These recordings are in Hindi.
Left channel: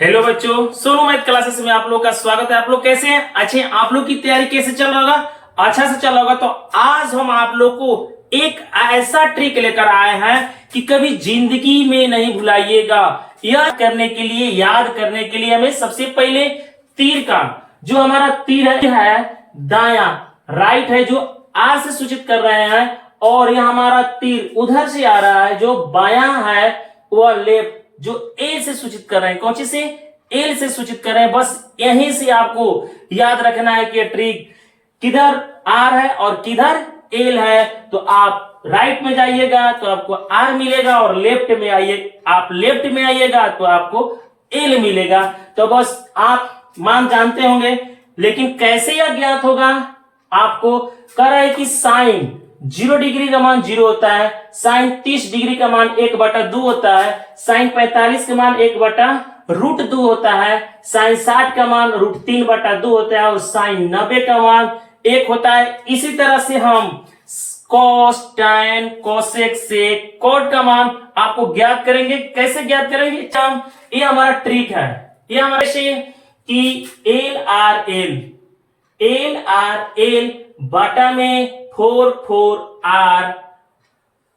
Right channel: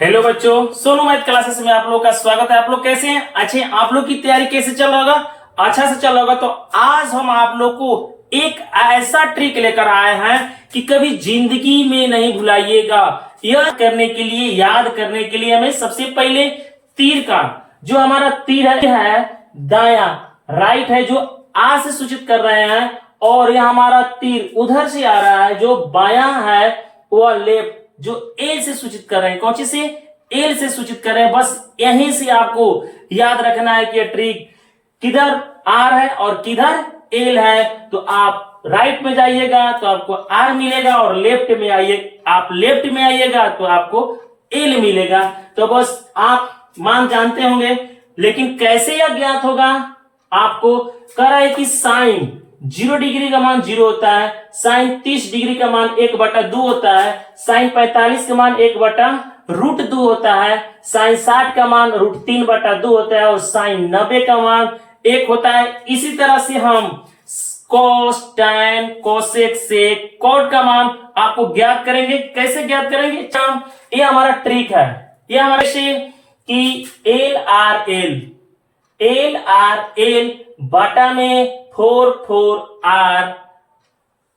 हेलो बच्चों, सोनू मैथ क्लासेस में आप लोग का स्वागत है। आप लोग कैसे हैं? अच्छे हैं? आप लोग की तैयारी कैसे चल रहा होगा? अच्छा से चल रहा होगा। तो आज हम आप लोग को एक ऐसा ट्रिक लेकर आए हैं कि कभी जिंदगी में नहीं भुलाइएगा। यह करने के लिए, याद करने के लिए हमें सबसे पहले तीर का, जो हमारा तीर है दाया, राइट है, जो आर से सूचित कर रहे हैं, और यह हमारा तीर उधर से आ रहा है जो बाया है, वह लेफ्ट, जो एल से सूचित कर रहे हैं। कौन सी से? एल से सूचित कर रहे हैं। बस यहीं से आपको याद रखना है कि ट्रिक किधर आर है और किधर एल है। तो आप राइट में जाइएगा तो आपको आर मिलेगा, और लेफ्ट में आइए, आप लेफ्ट में आइएगा तो आपको एल मिलेगा। तो बस आप मान जानते होंगे, लेकिन कैसे यह ज्ञात होगा? आपको कह रहा है कि साइन 0 डिग्री का मान 0 होता है, साइन 30 डिग्री का मान 1/2 होता है, साइन 45 का मान 1/√2 होता है, साइन 60 का मान √3/2 होता है, और साइन 90 का मान 1 होता है। इसी तरह से हम कॉस, टैन, कोसेक, सेक, कॉट का मान आपको ज्ञात करेंगे। कैसे ज्ञात करेंगे? ये हमारा ट्रिक है। ये हमारे से कि एल आर एल बाटा में 4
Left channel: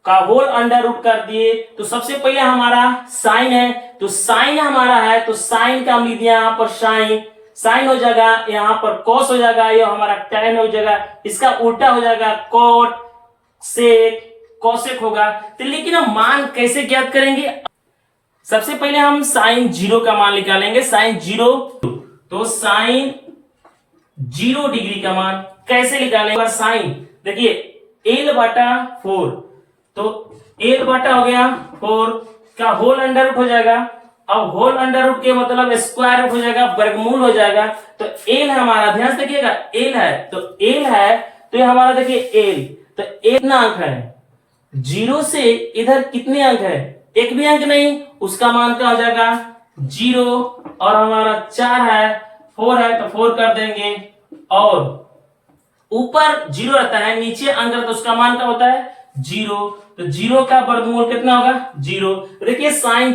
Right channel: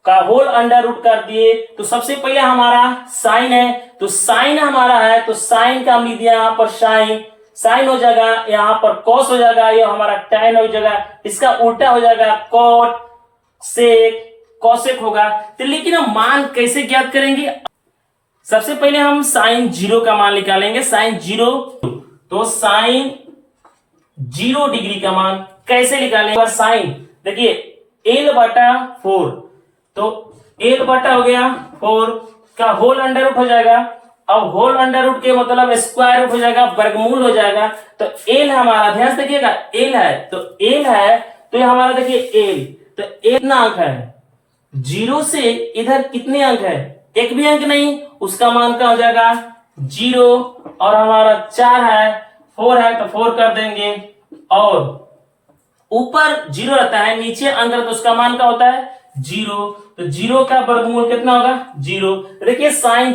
का होल अंडर रूट कर दिए। तो सबसे पहले हमारा साइन है, तो साइन हमारा है, तो साइन का हम लिख दिया यहाँ पर साइन, साइन हो जाएगा, यहाँ पर कॉस हो जाएगा, ये हमारा टैन हो जाएगा, इसका उल्टा हो जाएगा कॉट, सेक, कॉसेक होगा। तो लेकिन हम मान कैसे ज्ञात करेंगे? सबसे पहले हम साइन 0 का मान निकालेंगे। साइन 0, तो साइन 0 डिग्री का मान कैसे निकालेंगे? साइन देखिए L/4, तो L/, हो गया 4 का होल अंडर रूट हो जाएगा। अब होल अंडर रूट के मतलब स्क्वायर रूट हो जाएगा, वर्गमूल हो जाएगा। तो L हमारा, ध्यान से देखिएगा, L है, तो L है, तो ये हमारा देखिए L, तो एक कितना अंक है? 0 से इधर कितने अंक है? एक भी अंक नहीं, उसका मान क्या हो जाएगा? 0, और हमारा 4 है, 4 है, तो 4 कर देंगे, और ऊपर 0 रहता है, नीचे अंक तो उसका मान क्या होता है? 0। तो 0 का वर्गमूल कितना होगा? 0। देखिए साइन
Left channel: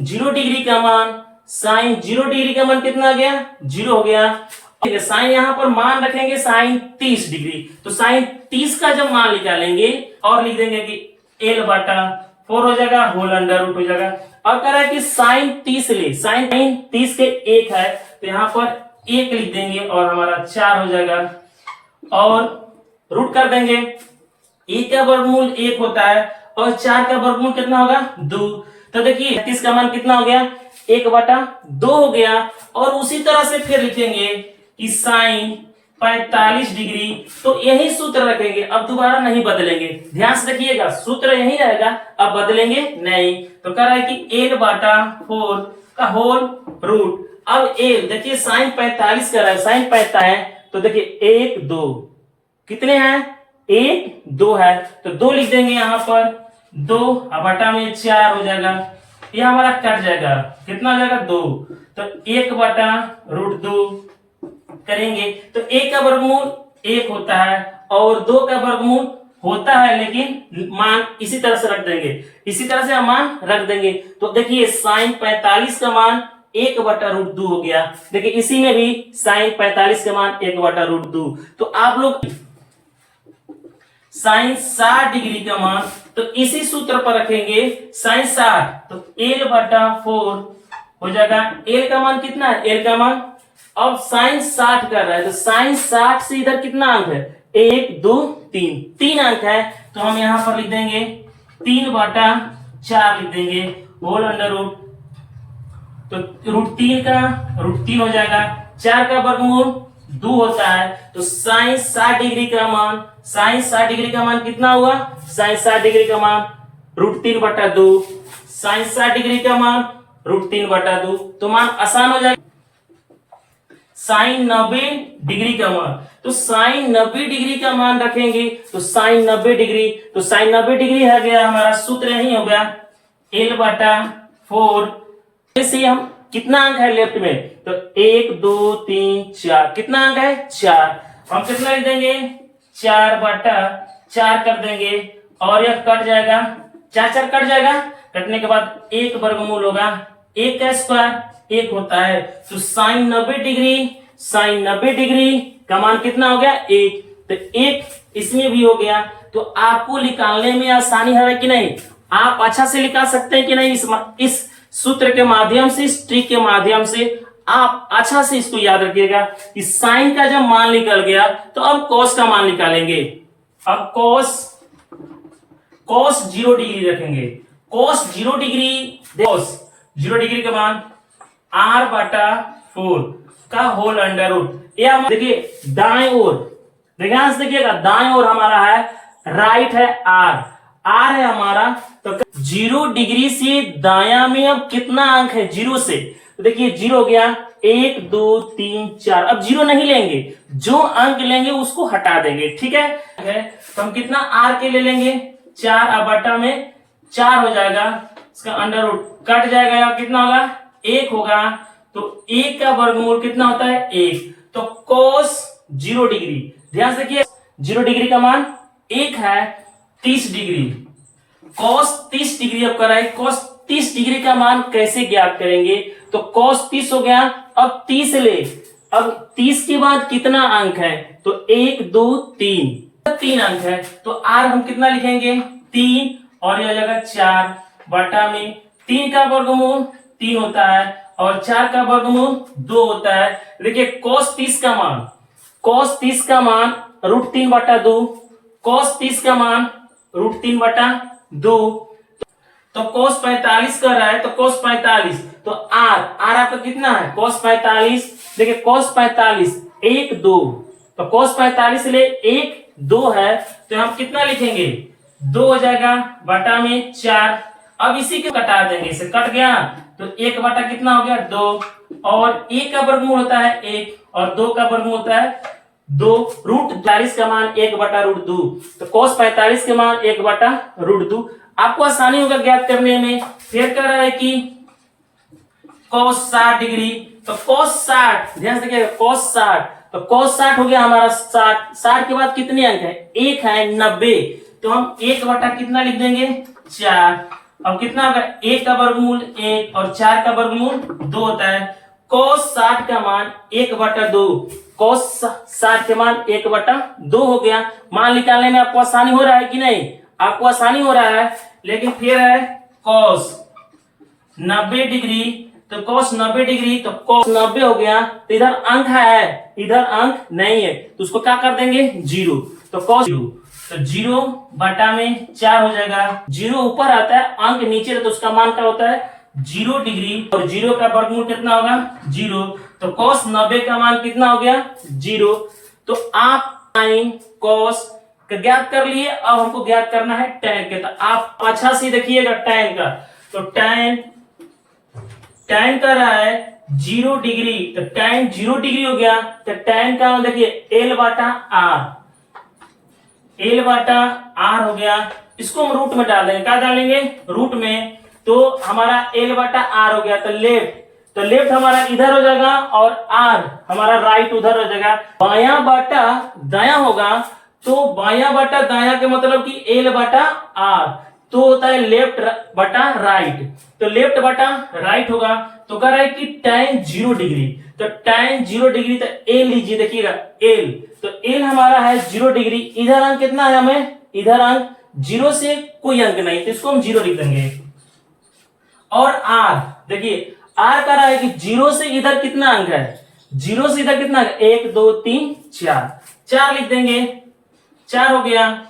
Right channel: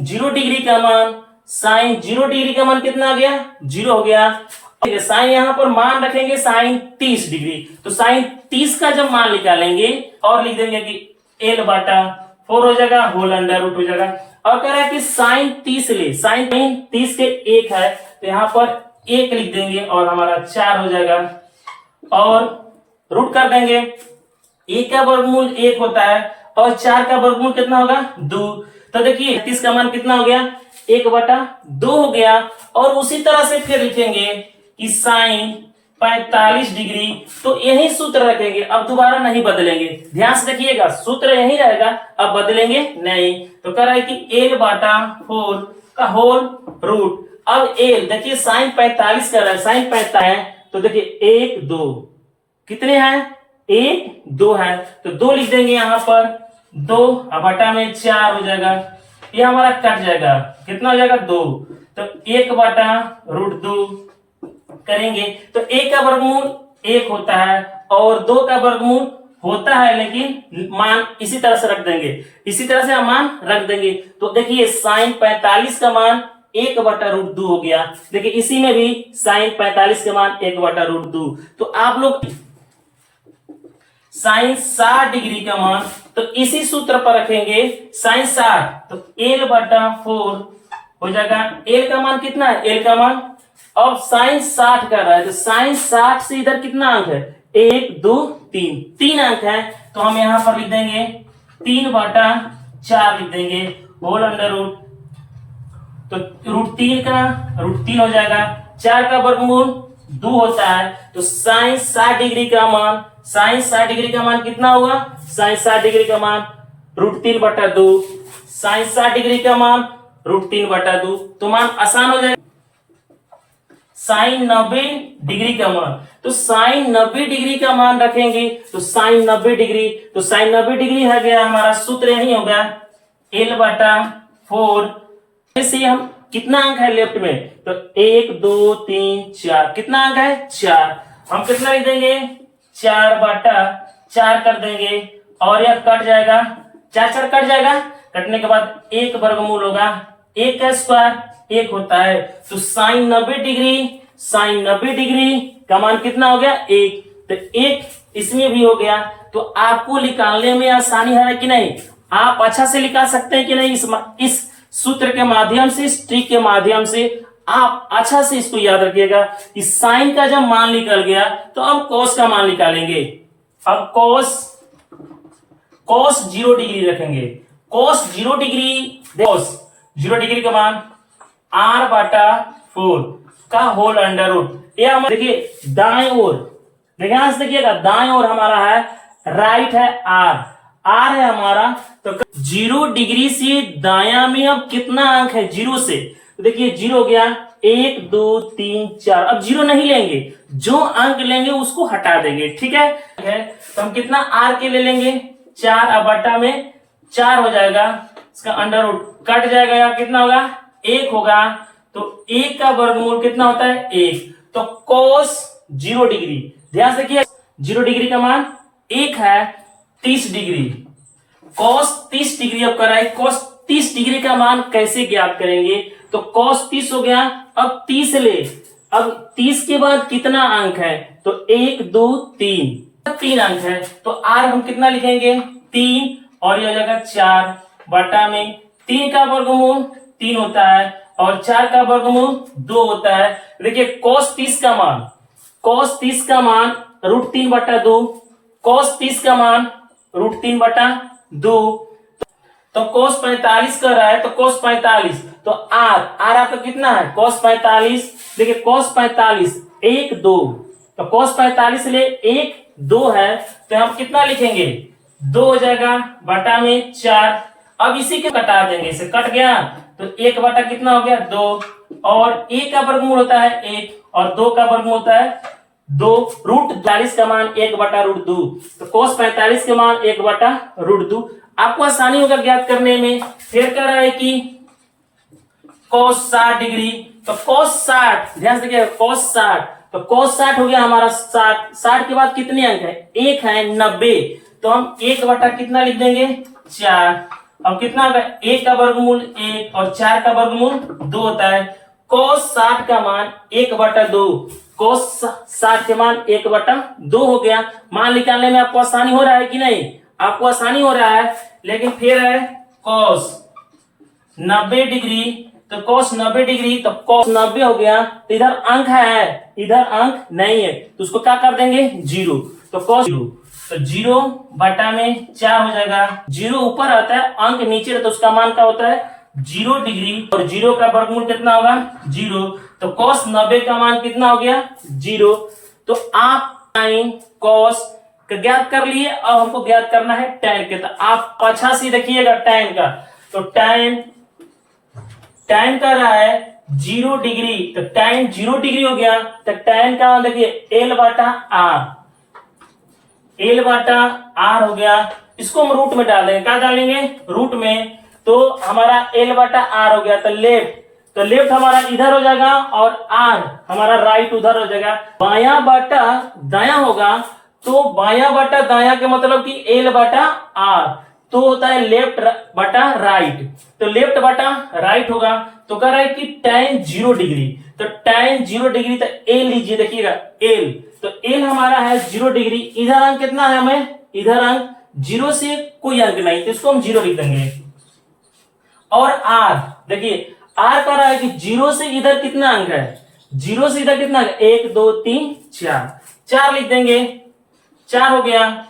0 डिग्री का मान, साइन 0 डिग्री का मान कितना आ गया? 0 हो गया। साइन यहां पर मान रखेंगे साइन 30 डिग्री, तो साइन 30 का जब मान निकालेंगे और लिख देंगे कि L/4 हो जाएगा, होल अंडर रूट हो जाएगा। और कह रहा है कि साइन 30 ले, साइन 30 के 1 है, तो यहां पर 1 लिख देंगे, और हमारा 4 हो जाएगा, और रूट कर देंगे। 1 का वर्गमूल 1 होता है, और 4 का वर्गमूल कितना होगा? 2। तो देखिए 30 का मान कितना हो गया? 1/2 हो गया। और उसी तरह से फिर लिखेंगे कि साइन 45 डिग्री, तो यही सूत्र रखेंगे, अब दोबारा नहीं बदलेंगे। ध्यान से देखिएगा, सूत्र यही रहेगा, अब बदलेंगे नहीं। तो कह रहा है कि L/4 का होल रूट। अब एल देखिए साइन 45 कर रहा है, साइन 45 है, तो देखिए 1 2 कितने हैं? 1 2 है, तो 2 लिख देंगे यहाँ पर, 2 बटा में 4 हो जाएगा, ये हमारा कट जाएगा, कितना हो जाएगा? 2। तो 1/√2 करेंगे, तो 1 का वर्गमूल 1 होता है, और 2 का वर्गमूल होता है, लेकिन मान इसी तरह से रख देंगे, इसी तरह से हम मान रख देंगे। तो देखिए साइन 45 का मान 1/√2 हो गया। देखिए इसी में भी साइन 45 का मान 1/√2। तो आप लोग साइन 60 डिग्री का मान तो इसी सूत्र पर रखेंगे, साइन 60, तो L/4 हो जाएगा। L का मान कितना है? L का मान, अब साइन 60 कर रहा है, तो साइन 60 से इधर कितना अंक है? 1 2 3, 3 अंक है, तो हम यहां पर लिख देंगे 3/4 लिख देंगे, होल अंडर रूट, तो √3 का √3 हो जाएगा। 4 का वर्गमूल 2 होता है, तो साइन 60 डिग्री का मान, साइन 60 डिग्री का मान कितना हुआ? साइन 60 डिग्री का मान √3/2, साइन 60 डिग्री का मान √3/2, तो मान आसान हो जाएगा। साइन 90 डिग्री का मान, तो साइन 90 डिग्री का मान रखेंगे, तो साइन 90 डिग्री, तो साइन 90 डिग्री है गया, हमारा सूत्र यही हो गया L/4 से हम कितना अंक है लेफ्ट में? तो 1 2 3 4, कितना अंक है? 4। हम कितना लिख देंगे? 4/4 कर देंगे, और यह कट जाएगा, 4 4 कट जाएगा, कटने के बाद 1 वर्गमूल होगा, 1 का स्क्वायर, 1 होता है। तो साइन 90 डिग्री का मान कितना हो गया 1। तो 1 इसमें भी हो गया। तो आपको निकालने में आसानी है कि नहीं, आप अच्छा से निकाल सकते हैं कि नहीं, इस सूत्र के माध्यम से, इस ट्रिक के माध्यम से आप अच्छा से इसको याद रखिएगा कि साइन का जब मान निकल गया तो अब कॉस का मान निकालेंगे। अब कॉस 0 डिग्री रखेंगे। कॉस 0 डिग्री का मान r/4 का होल अंडर रूट। ये हम देखिए दाएं ओर, देखिएगा दाएं ओर हमारा है, राइट है r है हमारा। तो 0 डिग्री से दाया में अब कितना अंक है 0 से, तो देखिए 0 हो गया 1 2 3 4। अब 0 नहीं लेंगे, जो अंक लेंगे उसको हटा देंगे, ठीक है। तो हम कितना r के ले लेंगे 4, अब बटा में 4 हो जाएगा, इसका अंडर रूट कट जाएगा, कितना होगा 1 होगा। तो 1 का वर्गमूल कितना होता है 1। तो कोस 0 डिग्री, ध्यान से देखिए 0 डिग्री का मान 1 है 30 डिग्री। कोस 30 डिग्री अब कराए, कोस 30 डिग्री का मान कैसे ज्ञात करेंगे, तो कोस 30 हो गया। अब 30 ले, अब 30 के बाद कितना अंक है, तो 1 2 3 अंक है। तो r हम कितना लिखेंगे 3, और ये हो जाएगा 4 बटा में 3 का वर्गमूल 3 होता है और 4 का वर्गमूल 2 होता है। देखिए कोस 30 का मान √3/2, कोस 30 का मान √3/2। तो कोस 45 कर रहा है, तो कोस 45, तो r आपका कितना है कोस 45। देखिए कोस 45 1 2, तो कोस 45 ले 1 2 है, तो हम कितना लिखेंगे 2 हो जाएगा बटा में 4। अब इसी को कटा देंगे, इसे कट गया तो 1 बटा कितना हो गया 2, और 1 का वर्गमूल होता है 1 और 2 का वर्गमूल होता है 2। √45 का मान 1/√2, तो कोस 45 के मान 1/√2। आपको आसानी होगा ज्ञात करने में। फिर कह रहा है कि कोस 60 डिग्री, तो कोस 60, ध्यान से देखिए कोस 60, तो कोस 60 हो गया हमारा 60 के बाद कितने अंक है 1 है 90, तो हम 1 बटा कितना लिख देंगे 4। अब कितना होगा 1 का वर्गमूल 1 और 4 का वर्गमूल 2 होता है। कोस 60 का मान 1/2, कोस 60 के मान 1/2 हो गया। मान निकालने में आपको आसानी हो रहा है कि नहीं, आपको आसानी हो रहा है। लेकिन फिर है कोस 90 डिग्री, तो कोस 90 डिग्री, तो कोस 90 हो गया, तो इधर अंक है, इधर अंक नहीं है, तो उसको क्या कर देंगे 0। तो कोस 0, तो 0 बटा में 4 हो जाएगा। 0 ऊपर आता है, अंक नीचे, तो उसका मान क्या होता है 0 डिग्री, और 0 का वर्गमूल कितना होगा 0। तो कोस 90 का मान कितना हो गया 0। तो आप साइन कोस का ज्ञात कर लिए, अब हमको ज्ञात करना है टैन के। तो आप अच्छा से देखिएगा टैन का, तो टैन कर रहा है 0 डिग्री, तो टैन 0 डिग्री हो गया। तो टैन का देखिए L/R हो गया। इसको हम रूट में डाल देंगे, क्या डालेंगे रूट में, तो हमारा L/R हो गया। तो लेफ्ट हमारा इधर हो जाएगा और R हमारा राइट उधर हो जाएगा। बायां बटा दायां होगा, तो बायां बटा दायां के मतलब कि L/R, तो होता है लेफ्ट बटा राइट, तो लेफ्ट बटा राइट होगा। तो कह रहा है कि tan 0 डिग्री, तो tan 0 डिग्री, तो L लीजिए, देखिएगा L, तो L हमारा है 0 डिग्री। इधर अंक कितना है, हमें इधर अंक 0 से कोई अंक नहीं, तो इसको हम 0 लिख देंगे। और R देखिए R कह रहा है कि 0 से इधर कितना अंक है, 0 से इधर कितना अंक 1 2 3 4 लिख देंगे, 4 हो गया।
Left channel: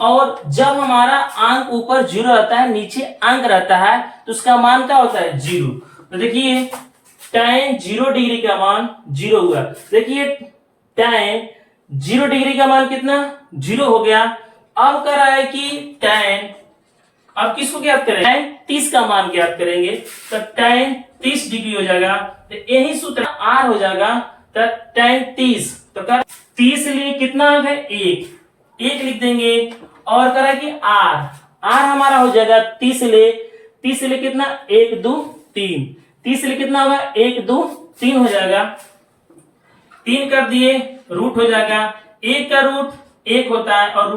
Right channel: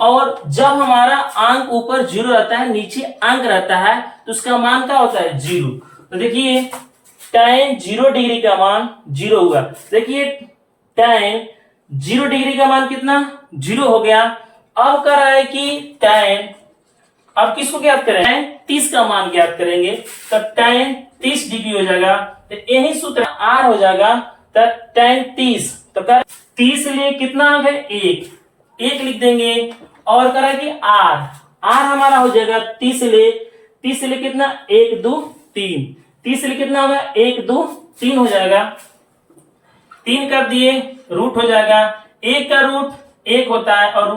और जब हमारा अंक ऊपर 0 रहता है, नीचे अंक रहता है, तो उसका मान क्या होता है 0। तो देखिए tan 0 डिग्री का मान 0 हुआ। देखिए tan 0 डिग्री का मान कितना 0 हो गया। अब कह रहा है कि tan, अब किसको ज्ञात करें, tan 30 का मान ज्ञात करेंगे, तो tan 30 डिग्री हो जाएगा। तो यही सूत्र R हो जाएगा, तो tan 30, तो कर 30 लिए कितना अंक है 1 लिख देंगे। और करा कि R हमारा हो जाएगा 30 ले कितना 1 2 3, 30 ले कितना होगा 1 2 3 हो जाएगा। 3 कर दिए, रूट हो जाएगा, 1 का रूट 1 होता है और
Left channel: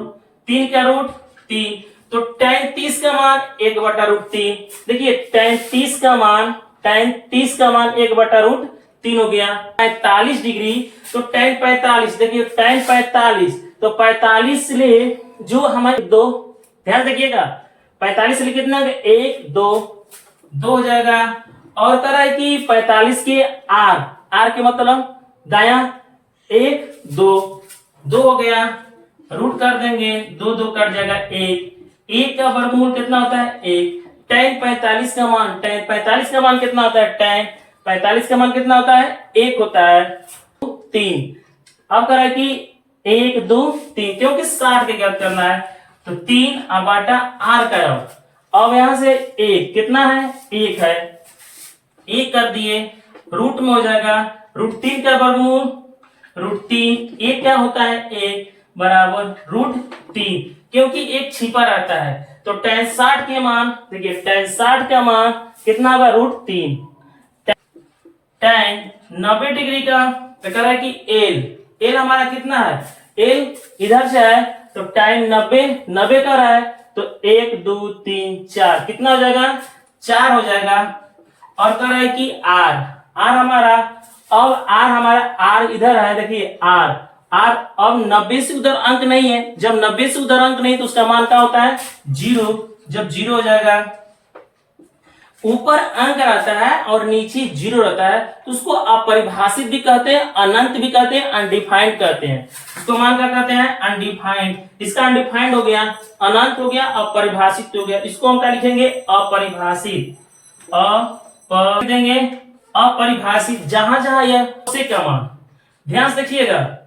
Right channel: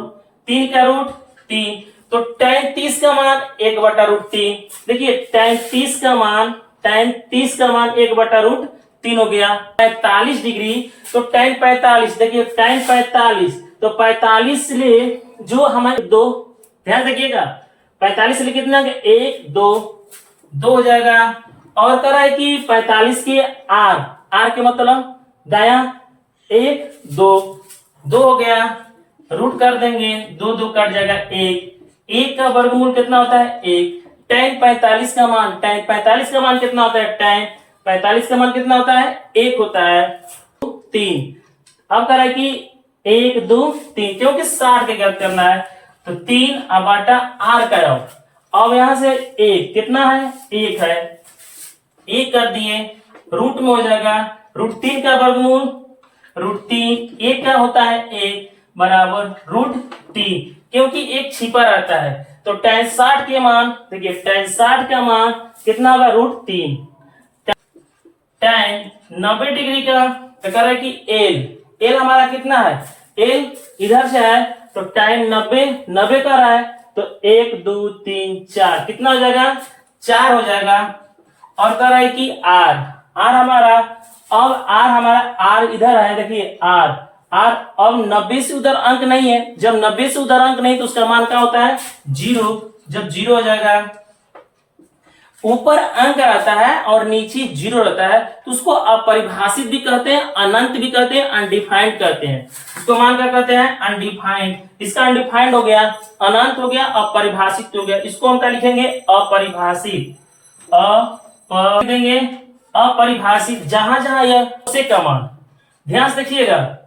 3 का रूट 3, तो tan 30 का मान 1/√3। देखिए tan 30 का मान tan 30 का मान 1/√3 हो गया। 45 डिग्री तो tan 45, देखिए tan 45 तो 45 से जो हमारे दो, ध्यान रखिएगा 45 से कितना 1 2 2 हो जाएगा। और कह रहा है कि 45 के आर के मतलब दाया 1 2 2 हो गया, रूट कर देंगे 2 2 कट जाएगा 1 का वर्गमूल कितना होता है 1। tan 45 का मान कितना होता है tan 45 का मान कितना होता है 1 होता है 3। अब कह रहा है कि 1 2 3 क्योंकि 60 के गलत करना है तो 3/r का। अब यहां से 1 कितना है 1 है, 1 कर दिए, रूट में हो जाएगा √3 का वर्गमूल √3 1 का होता है 1 बराबर √3, क्योंकि 1 छिपा रहता है तो tan 60 के मान, देखिए tan 60 का मान कितना होगा √3। tan 90 डिग्री का तो कह रहा है कि L हमारा कितना है, L इधर से है तो tan 90 कर रहा है तो 1 2 3 4 कितना हो जाएगा 4 हो जाएगा। और कह रहा है कि R हमारा, अब R हमारा R इधर है, देखिए R अब 90 से उधर अंक नहीं है, जब 90 से उधर अंक नहीं तो उसका मान क्या होता है 0। जब 0 हो जाएगा, ऊपर अंक रहता है और नीचे 0 रहता है तो उसको अपरिभाषित भी कहते हैं, अनंत भी कहते हैं, अनडिफाइंड कहते हैं। उसको मान क्या कहते हैं अनडिफाइंड। इसका अनडिफाइंड हो गया, अनंत हो गया, अपरिभाषित हो गया। इसको हम क्या लिखेंगे अपरिभाषित, देंगे अपरिभाषित। जहां जहां यह कोसेक का मान, ध्यान से देखिएगा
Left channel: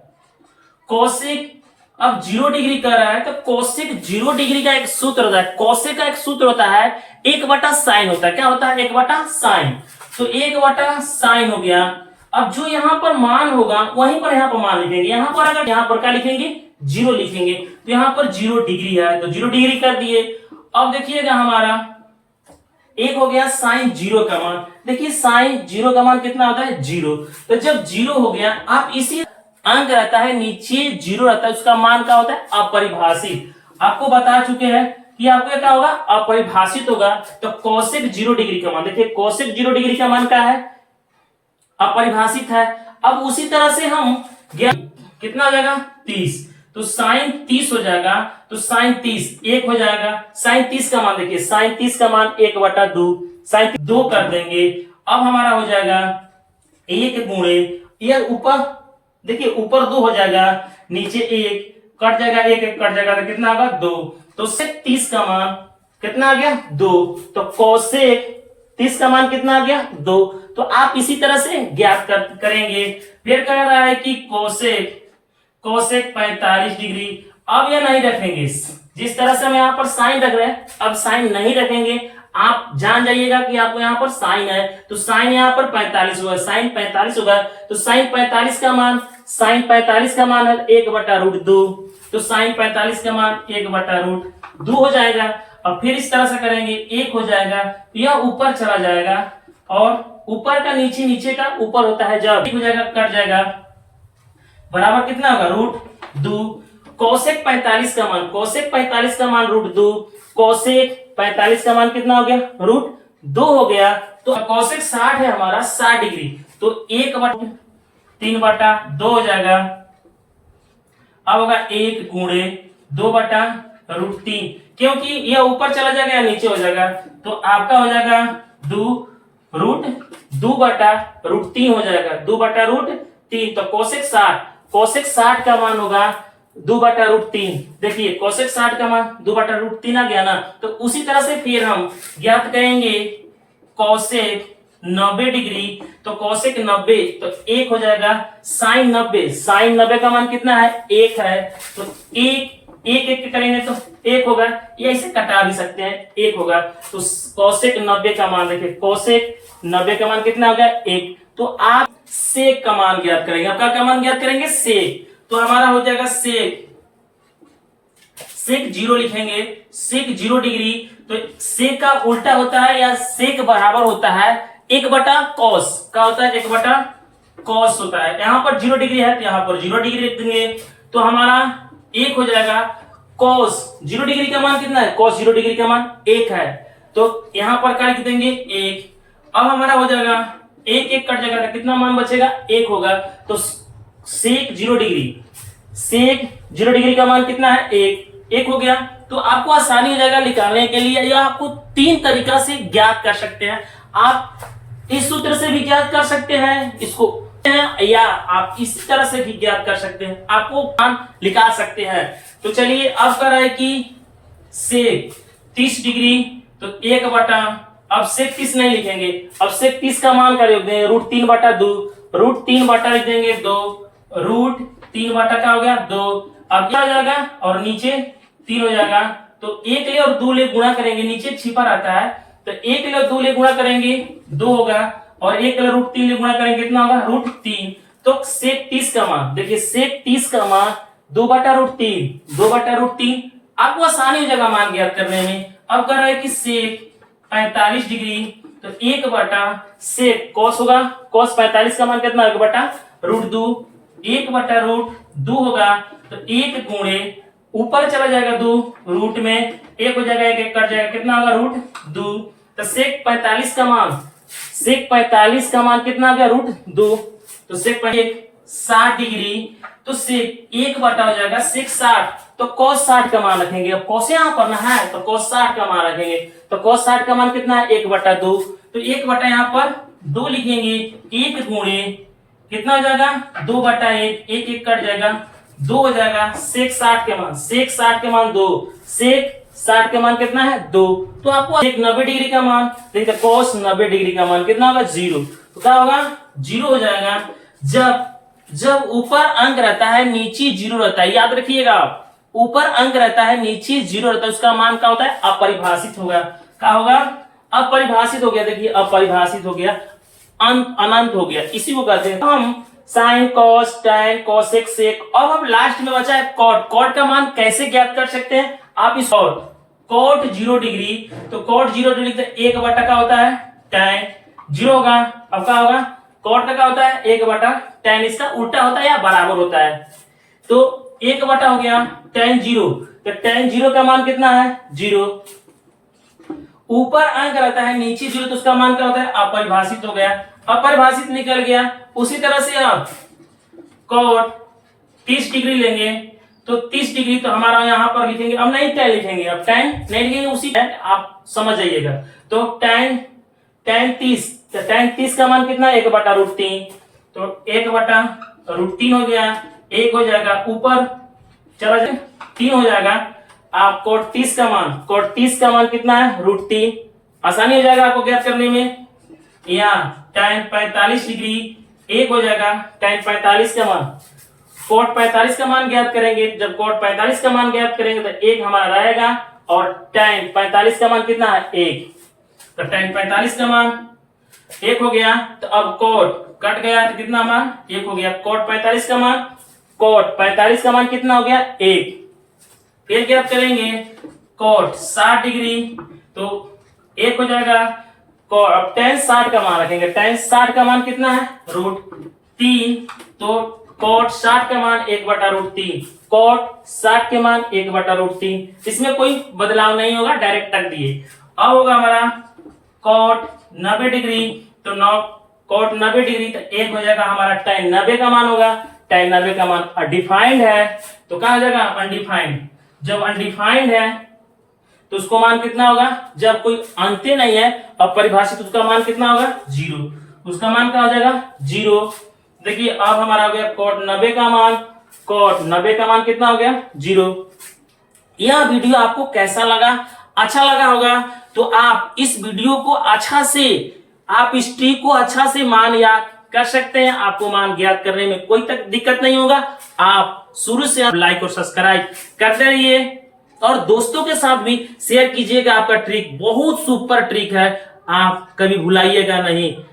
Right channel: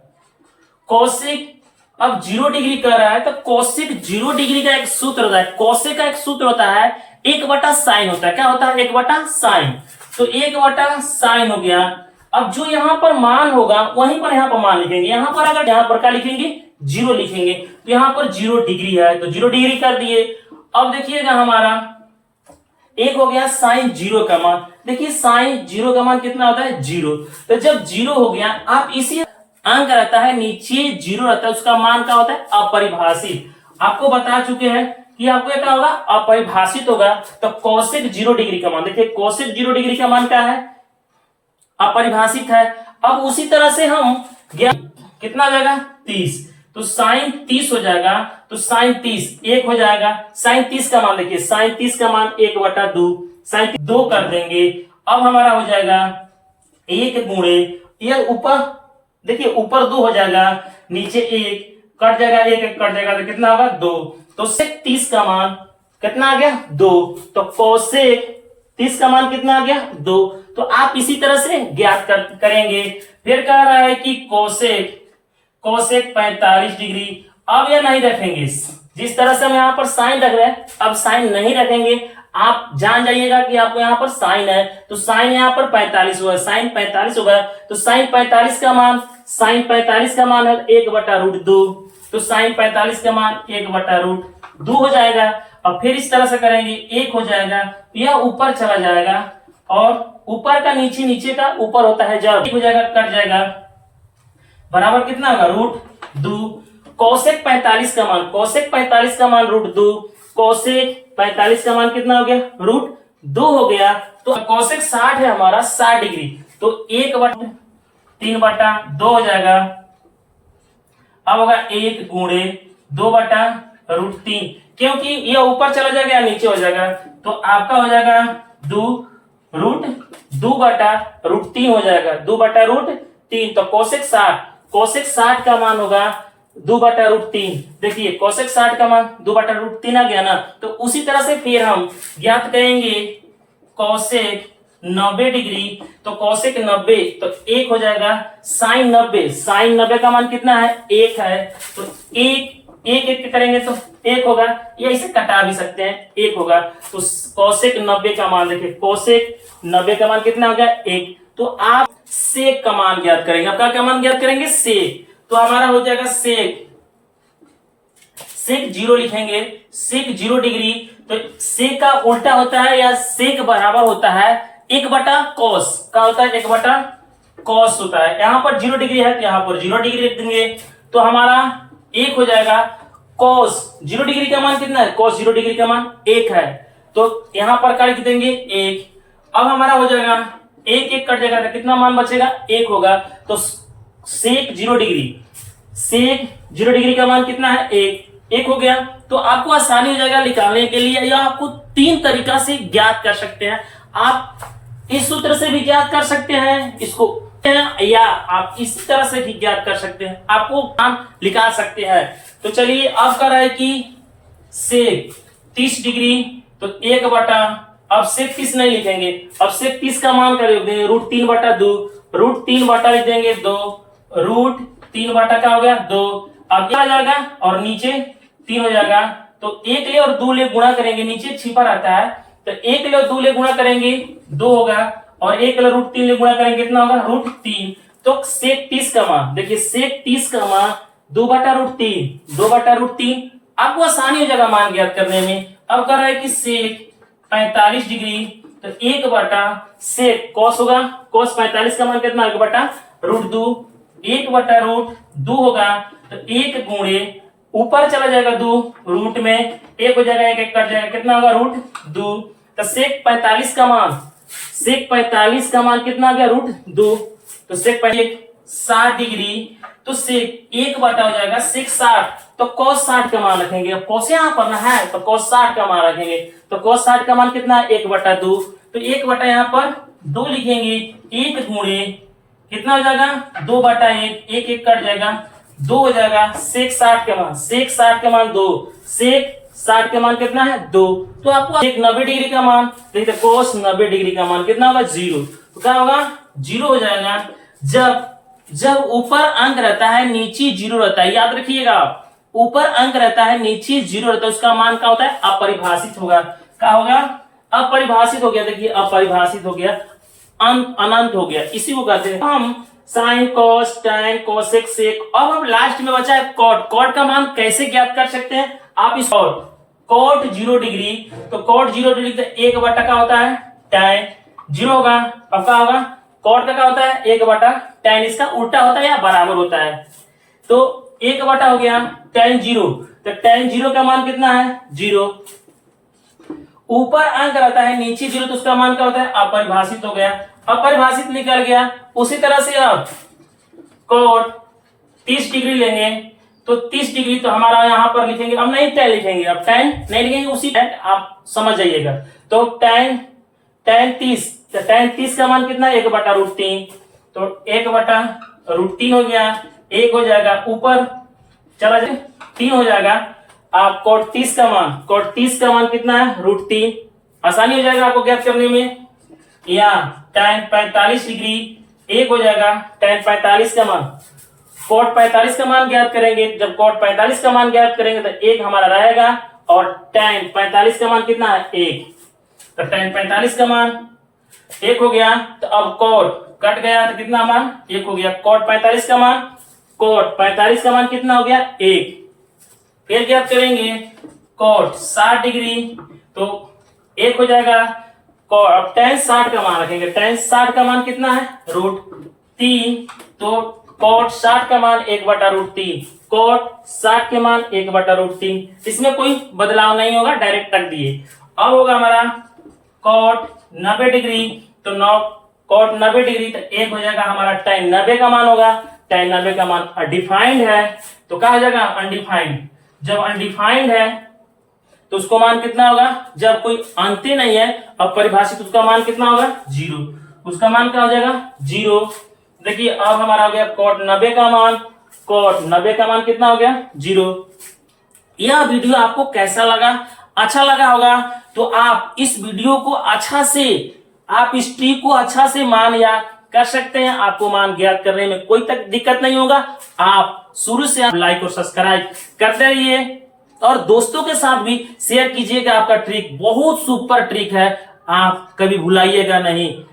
कोसेक अब 0 डिग्री कर रहा है तो कोसेक 0 डिग्री का एक सूत्र होता है, कोसेक का एक सूत्र होता है 1/sin होता है। क्या होता है 1/sin, तो 1/sin हो गया। अब जो यहां पर मान होगा वहीं पर यहां पर मान लिखेंगे, यहां पर अगर यहां पर क्या लिखेंगे 0 लिखेंगे तो यहां पर 0 डिग्री है तो 0 डिग्री कर दिए। अब देखिएगा हमारा एक हो गया sin 0 का मान, देखिए sin 0 का मान कितना होता है 0। तो जब 0 हो गया, आप इसी अंक रहता है नीचे 0 रहता है, उसका मान क्या होता है अपरिभाषित। आपको बता चुके हैं कि आपको क्या होगा अपरिभाषित होगा। तो कोसेक 0 डिग्री का मान, देखिए कोसेक 0 डिग्री का मान क्या है अपरिभाषित है। अब उसी तरह से हम कितना हो जाएगा 30, तो sin 30 हो जाएगा, तो sin 30 1 हो जाएगा। sin 30 का मान देखिए sin 30 का मान 1/2, sin 2 कर देंगे। अब हमारा हो जाएगा 1 गुणे यह ऊपर, देखिए ऊपर 2 हो जाएगा, नीचे 1 कट जाएगा, 1 कट जाएगा तो कितना होगा 2। तो sec 30 का मान कितना आ गया 2, तो कोसेक 30 का मान कितना आ गया 2। तो आप इसी तरह से ज्ञात करेंगे। फिर कह रहा है कि कोसेक 45 डिग्री। अब ये नहीं रखेंगे, जिस तरह से हम यहाँ पर साइन रख रहे हैं अब साइन नहीं रखेंगे। आप जान जाइएगा कि आपको यहाँ पर साइन है तो साइन यहाँ पर 45 होगा, साइन 45 होगा तो साइन 45 का मान है 1/√2, तो साइन 45 का मान 1/√2 हो जाएगा। अब फिर इस तरह से करेंगे 1 हो जाएगा, यह ऊपर चला जाएगा और ऊपर का नीचे, नीचे का ऊपर होता है, जब 1 हो जाएगा कट जाएगा बराबर कितना होगा √2। कोसेक 45 का मान, कोसेक 45 का मान √2, कोसेक 45 का मान कितना हो गया √2 हो गया। तो कोसेक 60 है हमारा 60 डिग्री, तो 1/3/2 हो जाएगा। अब होगा 1 गुणे 2/√3, क्योंकि यह ऊपर चला जाएगा या नीचे हो जाएगा तो आपका हो जाएगा 2/√3 हो जाएगा, 2/√3। तो कोसेक 60 का मान होगा 2/√3। देखिए कोसेक 60 का मान 2/√3 आ गया ना, तो उसी तरह से फिर हम ज्ञात करेंगे कोसेक 90 डिग्री। तो कोसेक 90 तो 1 हो जाएगा, साइन 90 का मान कितना है 1 है, तो 1 करेंगे तो 1 होगा, या इसे कटा भी सकते हैं 1 होगा। तो कोसेक 90 का मान देखिए, कोसेक 90 का मान कितना हो गया 1। तो आप सेक का मान ज्ञात करेंगे, आपका क्या मान ज्ञात करेंगे सेक, तो हमारा हो जाएगा सेक 0 लिखेंगे, सेक 0 डिग्री। तो सेक का उल्टा होता है या सेक बराबर होता है 1/cos का होता है 1/cos होता है। यहां पर 0 डिग्री है तो यहां पर 0 डिग्री लिख देंगे, तो हमारा 1 हो जाएगा। cos 0 डिग्री का मान कितना है, cos 0 डिग्री का मान 1 है, तो यहां पर क्या लिख देंगे 1। अब हमारा हो जाएगा एक एक कट जाएगा, तो कितना मान बचेगा, एक होगा। तो सेक 0 डिग्री, सेक 0 डिग्री का मान कितना है, एक हो गया। तो आपको आसानी हो जाएगा निकालने के लिए, या आपको 3 तरीका से ज्ञात कर सकते हैं। आप इस सूत्र से भी ज्ञात कर सकते हैं इसको, या आप इसी तरह से भी ज्ञात कर सकते हैं, आपको मान निकाल सकते हैं। तो चलिए अब कर रहा है कि सेक 30 डिग्री, तो 1/, अब सेक 30 नहीं लिखेंगे, अब सेक 30 का मान कर देंगे √3/2, √3 लिख देंगे 2, √3 का हो गया 2। अब क्या आ जाएगा और नीचे 3 हो जाएगा। तो 1 ले और 2 ले गुणा करेंगे, नीचे छिपा रहता है, तो 1 ले और 2 ले गुणा करेंगे 2 होगा, और 1 ले √3 ले गुणा करेंगे कितना होगा, √3। तो सेक 30 का मान देखिए, सेक 30 का मान 2/√3 आपको आसानी हो जाएगा मान ज्ञात करने में। अब कर रहा है कि सेक 45 डिग्री, तो 1 सेक कॉस होगा, कॉस 45 का मान कितना, 1/√2, 1/√2 होगा। तो 1 गुणे ऊपर चला जाएगा 2, रूट में 1 हो जाएगा, 1 कट जाएगा, कितना होगा, √2। तो सेक 45 का मान, सेक 45 का मान कितना आ गया, √2। तो सेक 60 डिग्री, तो सेक 1 हो जाएगा सेक 60, तो cos 60 का मान रखेंगे। अब cos यहाँ पर ना है, तो cos 60 का मान रखेंगे, तो cos 60 का मान कितना है, 1/2। तो 1 यहाँ पर 2 लिखेंगे, 1 गुणे कितना हो जाएगा, 2/1, 1 कट जाएगा, 2 हो जाएगा। सेक 60 के मान, सेक 60 के मान 2, सेक 60 के मान कितना है, 2। तो आपको एक 90 डिग्री का मान देखिए, cos 90 डिग्री का मान कितना होगा, 0। तो क्या होगा, 0 हो जाएगा। जब ऊपर अंक रहता है नीचे 0 रहता है, याद रखिएगा आप, ऊपर अंक रहता है नीचे 0 रहता है, उसका मान क्या होता है, अपरिभाषित होगा। क्या होगा, अपरिभाषित हो गया। देखिए अपरिभाषित हो गया, अनंत हो गया, इसी को कहते हैं हम साइन, कॉस, टैन, कोसेक, सेक। अब हम लास्ट में बचा है कॉट। कॉट का मान कैसे ज्ञात कर सकते हैं आप, इस कॉट 0 डिग्री, तो कॉट 0 डिग्री तो 1/, का होता है टैन 0 होगा। अब क्या होगा, कॉट का क्या होता है, 1/, टैन इसका उल्टा होता है या बराबर होता है, तो 1/, हो गया टैन 0। तो टैन 0 का मान कितना है, 0। ऊपर अंक रहता है नीचे 0, तो उसका मान क्या होता है, अपरिभाषित हो गया, अपरिभाषित निकल गया। उसी तरह से आप कॉट 30 डिग्री लेंगे, तो 30 डिग्री तो हमारा यहां पर लिखेंगे, अब नहीं टैन लिखेंगे, अब टैन नहीं लिखेंगे, उसी आप समझ जाइएगा। तो टैन 30, तो टैन 30 का मान कितना है, 1/√3, तो 1/√3 हो गया, 1 हो जाएगा, ऊपर चला जाए 3 हो जाएगा। आप कॉट 30 का मान कितना है, √3। आसानी हो जाएगा आपको ज्ञात करने में। या टैन 45 डिग्री 1 हो जाएगा, टैन 45 का मान, कॉट 45 का मान ज्ञात करेंगे। जब कॉट 45 का मान ज्ञात करेंगे तो 1 हमारा रहेगा, और टैन 45 का मान कितना है, 1। तो टैन 45 का मान 1 हो गया। तो अब कॉट कट गया, तो कितना मान, 1 हो गया। कॉट 45 का मान, कॉट 45 का मान कितना हो गया, 1। फिर ज्ञात करेंगे कॉट 60 डिग्री, तो 1 हो जाएगा। अब टैन 60 का मान रखेंगे, टैन 60 का मान कितना है, √3, तो कॉट 60 का मान 1/√3, कॉट 60 के मान 1/√3, इसमें कोई बदलाव नहीं होगा, डायरेक्ट रख दिए। अब होगा हमारा कॉट 90 डिग्री, तो कॉट 90 डिग्री, तो 1 हो जाएगा हमारा, टैन 90 का मान होगा, टैन 90 का मान अनडिफाइंड है, तो क्या हो जाएगा, अनडिफाइंड। जब अनडिफाइंड है तो उसको मान कितना होगा, जब कोई अंत्य नहीं है अपरिभाषित, उसका मान कितना होगा, 0। उसका मान क्या हो जाएगा, 0। देखिए अब हमारा हो गया कॉट 90 का मान, कॉट 90 का मान कितना हो गया, 0। यह वीडियो आपको कैसा लगा, अच्छा लगा होगा तो आप इस वीडियो को अच्छा से, आप इस ट्रिक को अच्छा से मान याद कर सकते हैं। आपको मान ज्ञात करने में कोई तक दिक्कत नहीं होगा। आप शुरू से आप लाइक और सब्सक्राइब करते रहिए, और दोस्तों के साथ भी शेयर कीजिएगा। आपका ट्रिक बहुत सुपर ट्रिक है, आप कभी भुलाइएगा नहीं।